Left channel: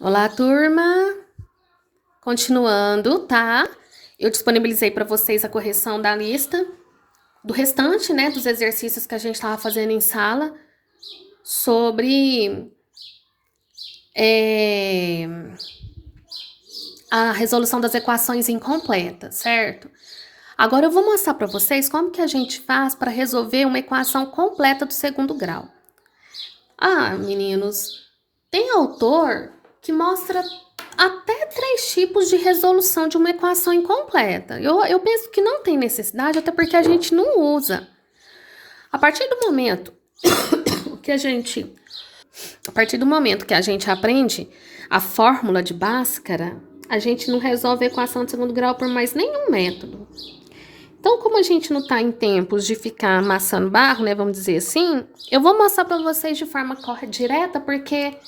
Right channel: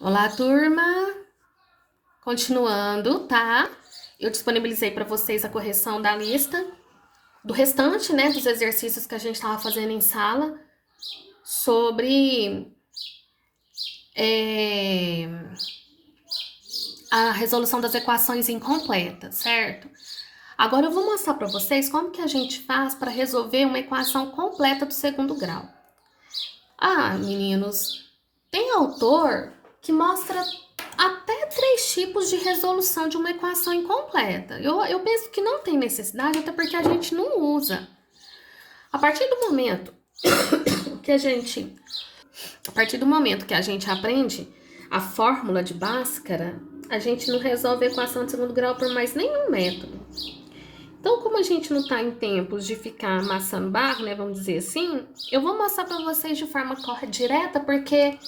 Olá, turma! Continuando, tá? Eu disponibilizei para vocês a correção da lista do restante, né, dos exercícios que a gente estava fazendo em sala sobre a resolução das equações incompletas, certo? Agora eu vou mostrar para vocês como que a gente faz para resolver uma equação completa do segundo grau. Ah, meninos, tem autor que mostra até 3 tipos de resolução de uma equação incompleta. Eu penso que não tem necessidade, até porque a gente não usa. A partir do momento que a gente, a partir do momento que a gente aprende a fórmula de Bhaskara, a gente não resolve a equação de segundo grau por mais nenhum método. Então, como a gente não está em tempos de ficar amassando barro, né, vamos dizer assim, eu vou mostrar para vocês de forma direta, porque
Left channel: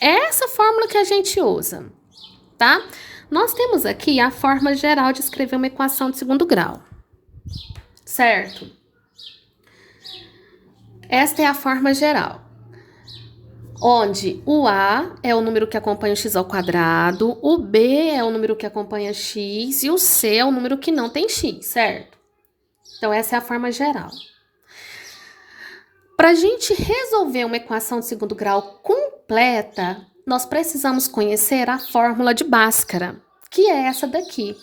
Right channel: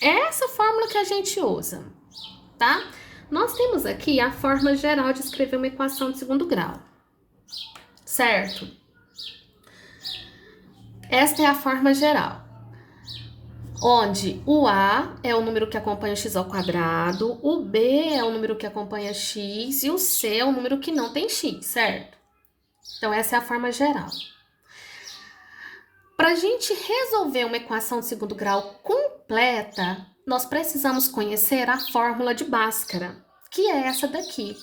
é essa fórmula que a gente usa, tá? Nós temos aqui a forma geral de escrever uma equação de segundo grau, certo? Esta é a forma geral, onde o A é o número que acompanha o x ao quadrado, o B é o número que acompanha x e o C é o número que não tem x, certo? Então, essa é a forma geral. Para a gente resolver uma equação de segundo grau completa, nós precisamos conhecer a fórmula de Bhaskara, que é essa daqui.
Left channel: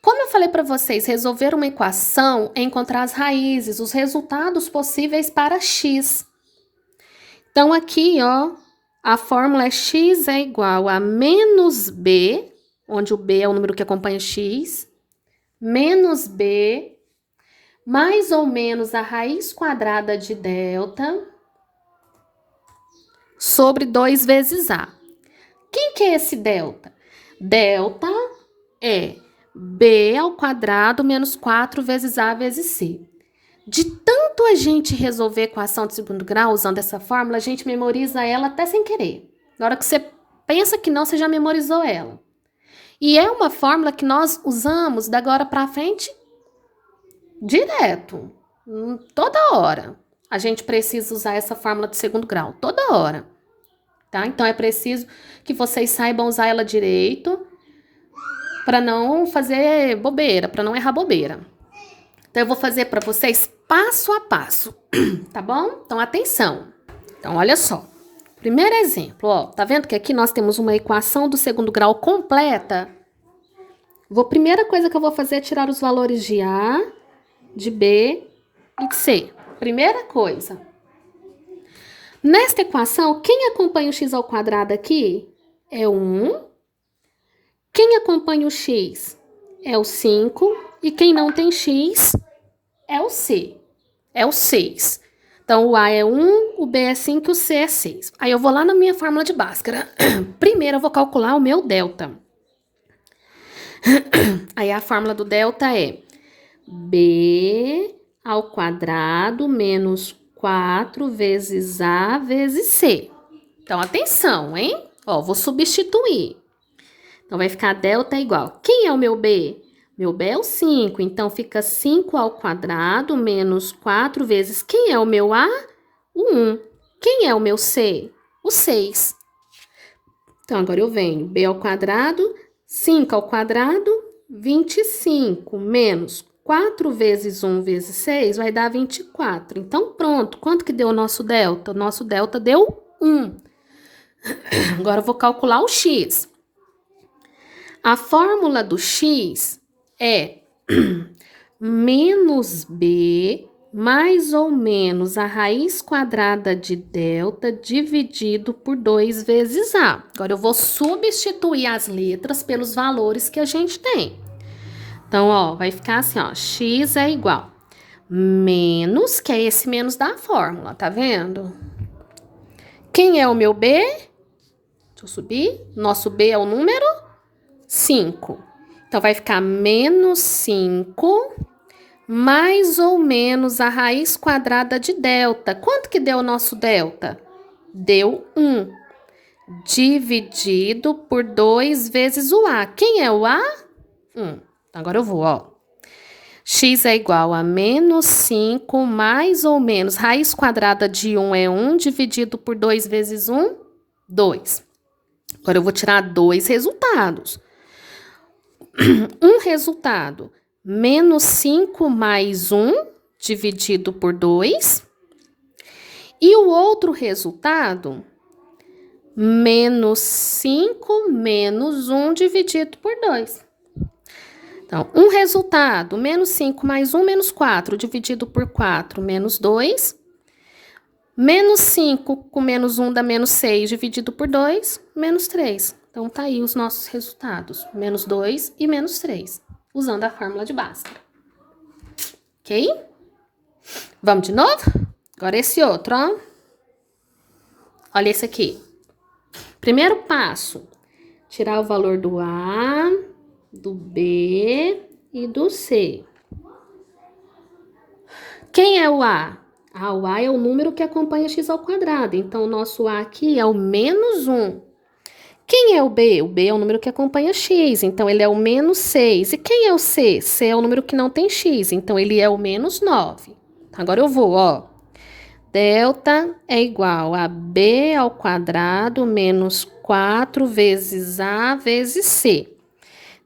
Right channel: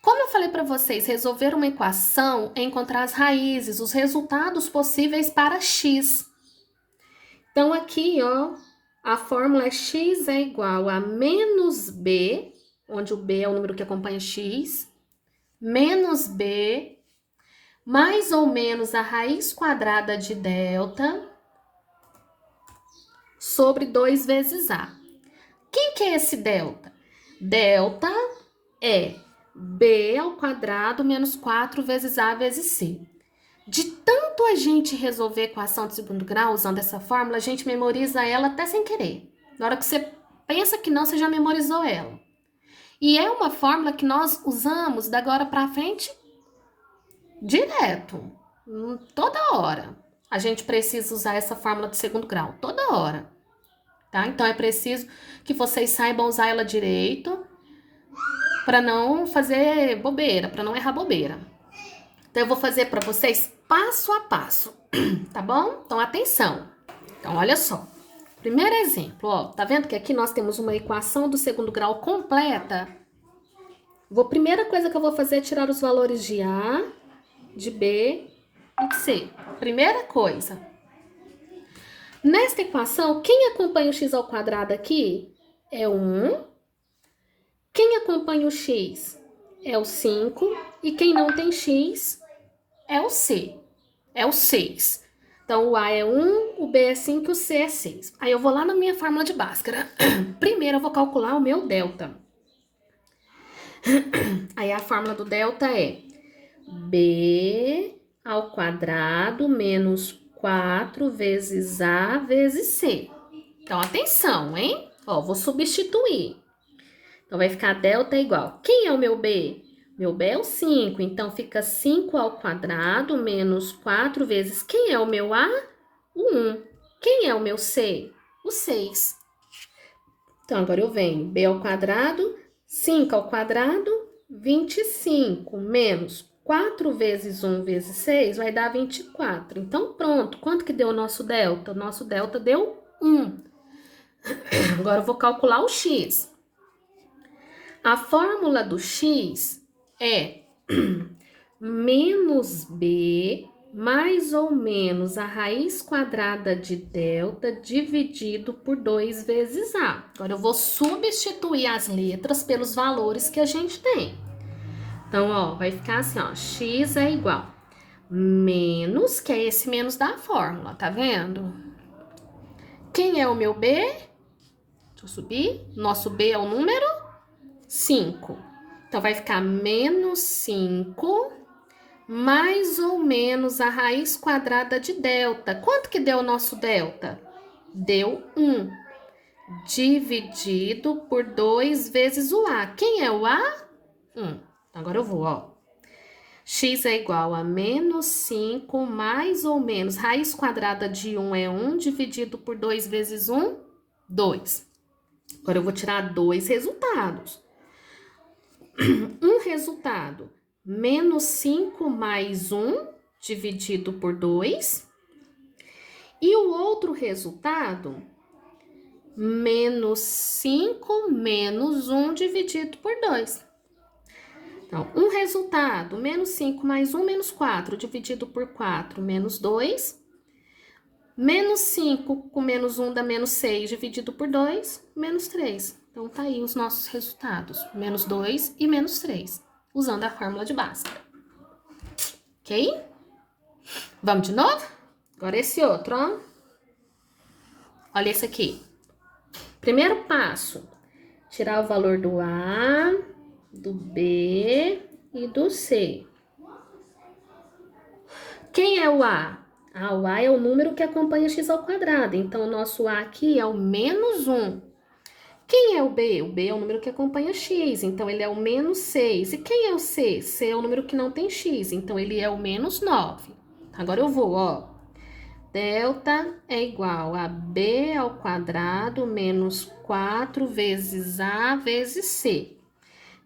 Como eu falei para vocês, resolver uma equação é encontrar as raízes, os resultados possíveis para x. Então, aqui, ó, a fórmula é x é igual a menos b, onde o b é o número que acompanha x, menos b, mais ou menos a raiz quadrada de delta, sobre 2 vezes a. Quem que é esse delta? Delta é b ao quadrado menos 4 vezes a vezes c. De tanto a gente resolver a equação de segundo grau usando essa fórmula, a gente memoriza ela até sem querer. Na hora que você pensa que não, você já memorizou ela. E é uma fórmula que nós usamos da agora para frente direto, toda hora. A gente precisa usar essa fórmula de segundo grau, toda hora. Tá? Então, é preciso que vocês saibam usar ela direito para não fazer bobeira, para não errar bobeira. Então, eu vou fazer para vocês passo a passo, tá bom? Então, atenção. Então, olha só. Primeiro exemplo, ó. Tá vendo que aqui nós temos uma equação do segundo grau completa? Primeira coisa que eu vou fazer é tirar os valores de A, de B e de C. Primeira coisa. Nesta equação, quem acompanha o x ao quadrado aqui é o 1. Quem acompanha o x é o 5. E quem não tem x é o C. É o 6. Então, o A é 1, o B é 5 e o C é 6. Aí, eu vou lá na minha fórmula de Bhaskara. Primeiro, eu vou calcular o meu delta. Aí, a fórmula do delta é B ao quadrado menos 4 vezes A vezes C. Então, atenção, hein? Ó, vou substituir. Então, vai ficar delta igual. Quem é o meu B? Meu B é o 5, então fica 5 ao quadrado menos 4 vezes. Quem é o meu A? O 1. Quem é o meu C? O 6. Então, agora eu venho. B ao quadrado, 5 ao quadrado, 25, menos 4 vezes 1 vezes 6 vai dar 24. Então, pronto. Quanto que deu o nosso delta? O nosso delta deu 1. Agora, eu vou calcular o x. A fórmula do x é menos b mais ou menos a raiz quadrada de delta dividido por 2 vezes a. Agora, eu vou substituir as letras pelos valores que a gente tem. Então, ó, vai ficar assim, ó, x é igual menos, que é esse menos da fórmula, tá vendo? Quem é o meu b? Deixa eu subir. Nosso b é o número 5. Então, vai ficar menos 5 mais ou menos a raiz quadrada de delta. Quanto que deu o nosso delta? Deu 1. Dividido por 2 vezes o A. Quem é o A? 1. Agora eu vou, ó. X é igual a menos 5 mais ou menos. Raiz quadrada de 1 é 1, dividido por 2 vezes 1, 2. Agora, eu vou tirar dois resultados. Um resultado, menos 5 mais 1 dividido por 2. E o outro resultado, menos 5 menos 1 dividido por 2. Então, um resultado, menos 5 mais 1, menos 4, dividido por 4, menos 2. Menos 5 com menos 1 dá menos 6, dividido por 2, menos 3. Então, tá aí os nossos resultados, menos 2 e menos 3, usando a fórmula de Bhaskara. Ok? Vamos de novo? Agora esse outro, ó. Olha esse aqui. Primeiro passo, tirar o valor do A, do B e do C. Quem é o A? O A é o número que acompanha x ao quadrado. Então, o nosso A aqui é o menos 1. Quem é o B? O B é o número que acompanha x. Então, ele é o menos 6. E quem é o C? C é o número que não tem x. Então, ele é o menos 9. Agora, eu vou, ó. Delta é igual a B ao quadrado menos 4 vezes A vezes C.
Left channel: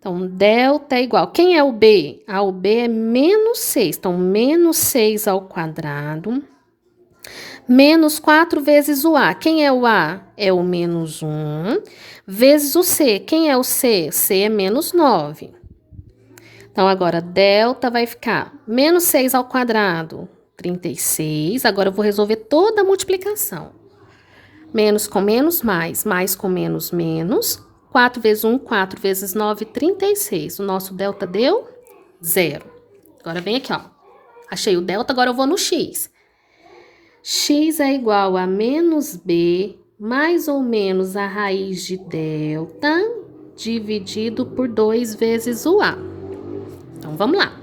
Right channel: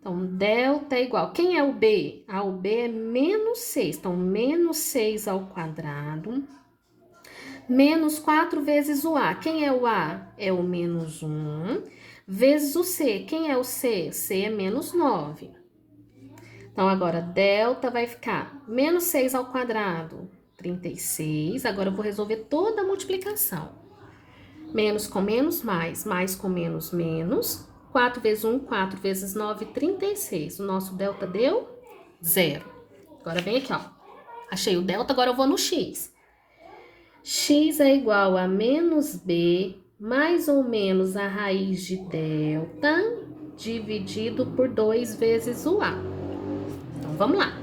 Então, delta é igual. Quem é o B? O B é menos 6. Então, menos 6 ao quadrado. Menos 4 vezes o A. Quem é o A? É o menos 1. Vezes o C. Quem é o C? C é menos 9. Então, agora, delta vai ficar menos 6 ao quadrado, 36. Agora, eu vou resolver toda a multiplicação. Menos com menos, mais. Mais com menos, menos. 4 vezes 1, 4 vezes 9, 36. O nosso delta deu 0. Agora vem aqui, ó. Achei o delta, agora eu vou no x. X é igual a menos b, mais ou menos a raiz de delta, dividido por 2 vezes o a. Então, vamos lá.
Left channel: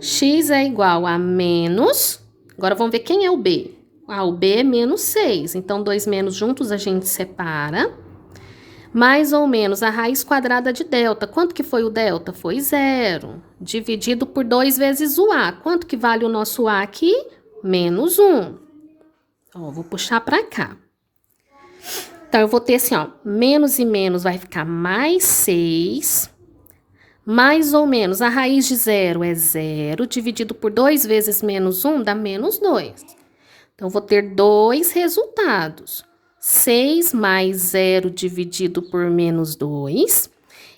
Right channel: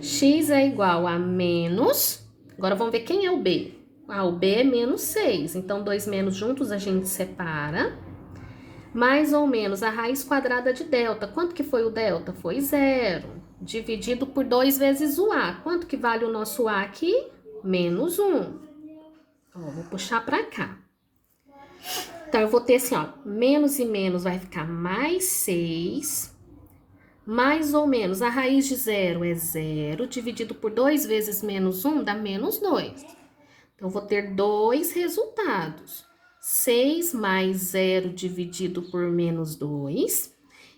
X é igual a menos... Agora, vamos ver quem é o b. O b é menos 6. Então, 2 menos juntos a gente separa. Mais ou menos a raiz quadrada de delta. Quanto que foi o delta? Foi 0. Dividido por 2 vezes o A. Quanto que vale o nosso A aqui? Menos 1. Ó, vou puxar para cá. Então, eu vou ter assim, ó. Menos e menos vai ficar mais 6. Mais ou menos a raiz de 0 é 0. Dividido por 2 vezes menos 1 dá menos 2. Então, eu vou ter dois resultados. 6 mais 0 dividido por menos 2.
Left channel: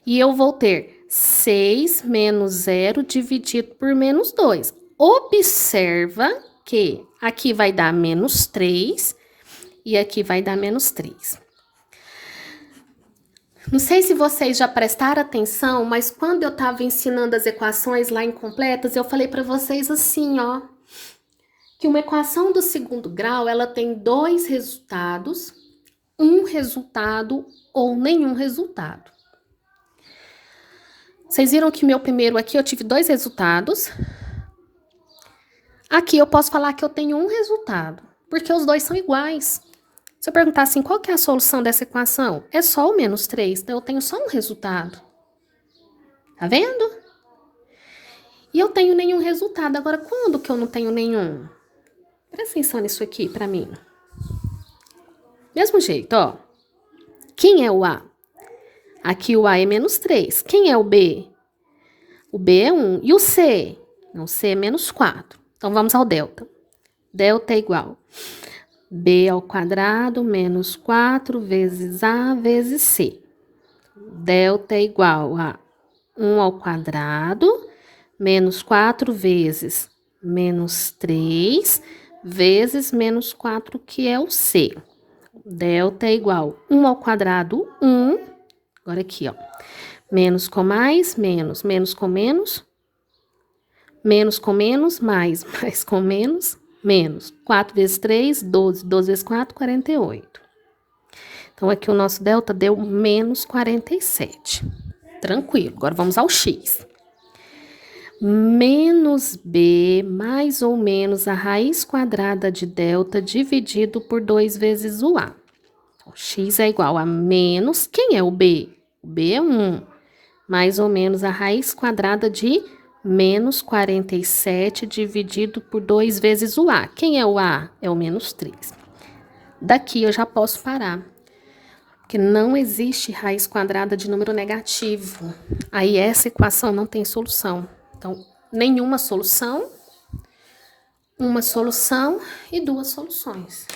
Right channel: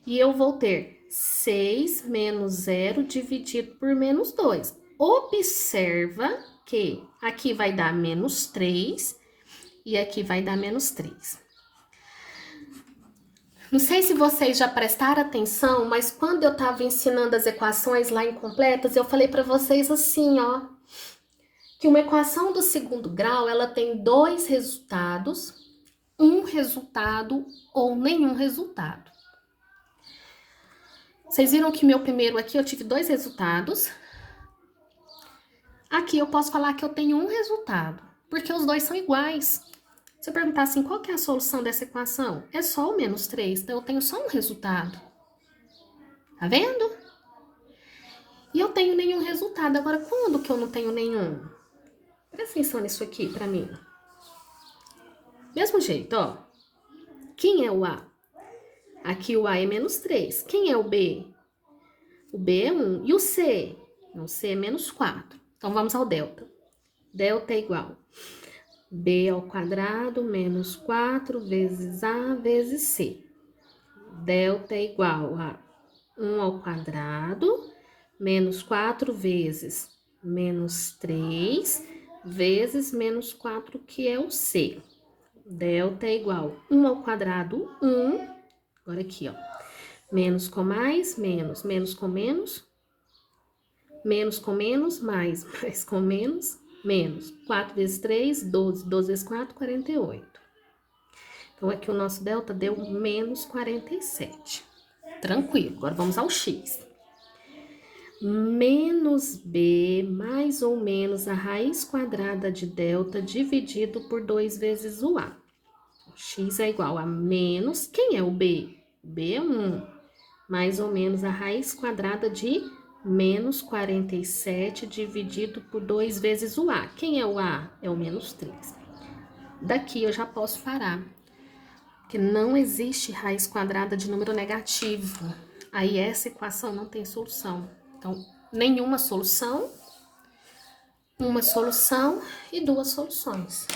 E eu vou ter 6 menos 0 dividido por menos 2. Observa que aqui vai dar menos 3 e aqui vai dar menos 3. Não sei se vocês já prestaram atenção, mas quando eu estava ensinando as equações lá incompletas, eu falei para vocês assim, ó. Que uma equação do segundo grau, ela tem dois resultados, um resultado ou nenhum resultado. Vocês viram que meu primeiro aqui eu tive dois resultados. Aqui eu posso falar que eu tenho um resultado, porque os dois são iguais. Se eu perguntar assim, qual que é a solução dessa equação? É só o menos 3, então eu tenho só um resultado. Tá vendo? E eu tenho nenhum resultado. Agora, quando que eu não tenho nenhum? Presta atenção nisso aqui pra mim. Mesmo jeito, ó. Quem é o A? Aqui o A é menos 3. Quem é o B? O B é 1. E o C? O C é menos 4. Então, vamos ao delta. Delta é igual B ao quadrado menos 4 vezes A vezes C. Delta é igual a 1 ao quadrado menos 4 vezes menos 3 vezes menos 4, que é o C. Delta é igual 1 ao quadrado, 1. Agora aqui, ó. Menos com mais, menos. Menos com menos. Menos com menos, mais. Mais com menos, menos. 4 vezes 3, 12. 12 vezes 4, 48. Então, aqui o nosso delta deu menos 47. Tranquilo. Agora, vamos ao x. Menos b mais ou menos a raiz quadrada de delta dividido por 2 vezes o a. Então, x é igual a menos... Quem é o b? O b é 1. Mais ou menos a raiz quadrada de menos 47 dividido por 2 vezes o a. Quem é o a? É o menos 3. Daqui eu já posso parar. que não existe raiz quadrada de número negativo. Aí essa equação não tem solução. Então, nenhuma solução, uma solução e duas soluções,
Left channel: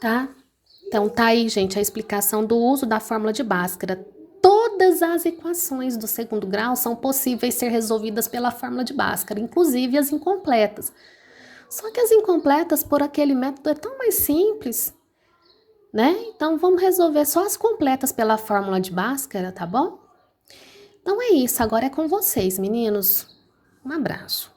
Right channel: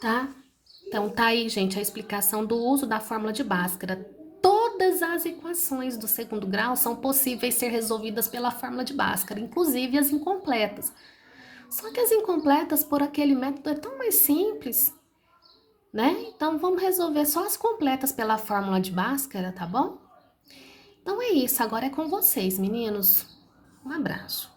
tá? Então, tá aí, gente, a explicação do uso da fórmula de Bhaskara. Todas as equações do segundo grau são possíveis ser resolvidas pela fórmula de Bhaskara, inclusive as incompletas. Só que as incompletas, por aquele método, é tão mais simples, né? Então, vamos resolver só as completas pela fórmula de Bhaskara, tá bom? Então é isso, agora é com vocês, meninos. Um abraço.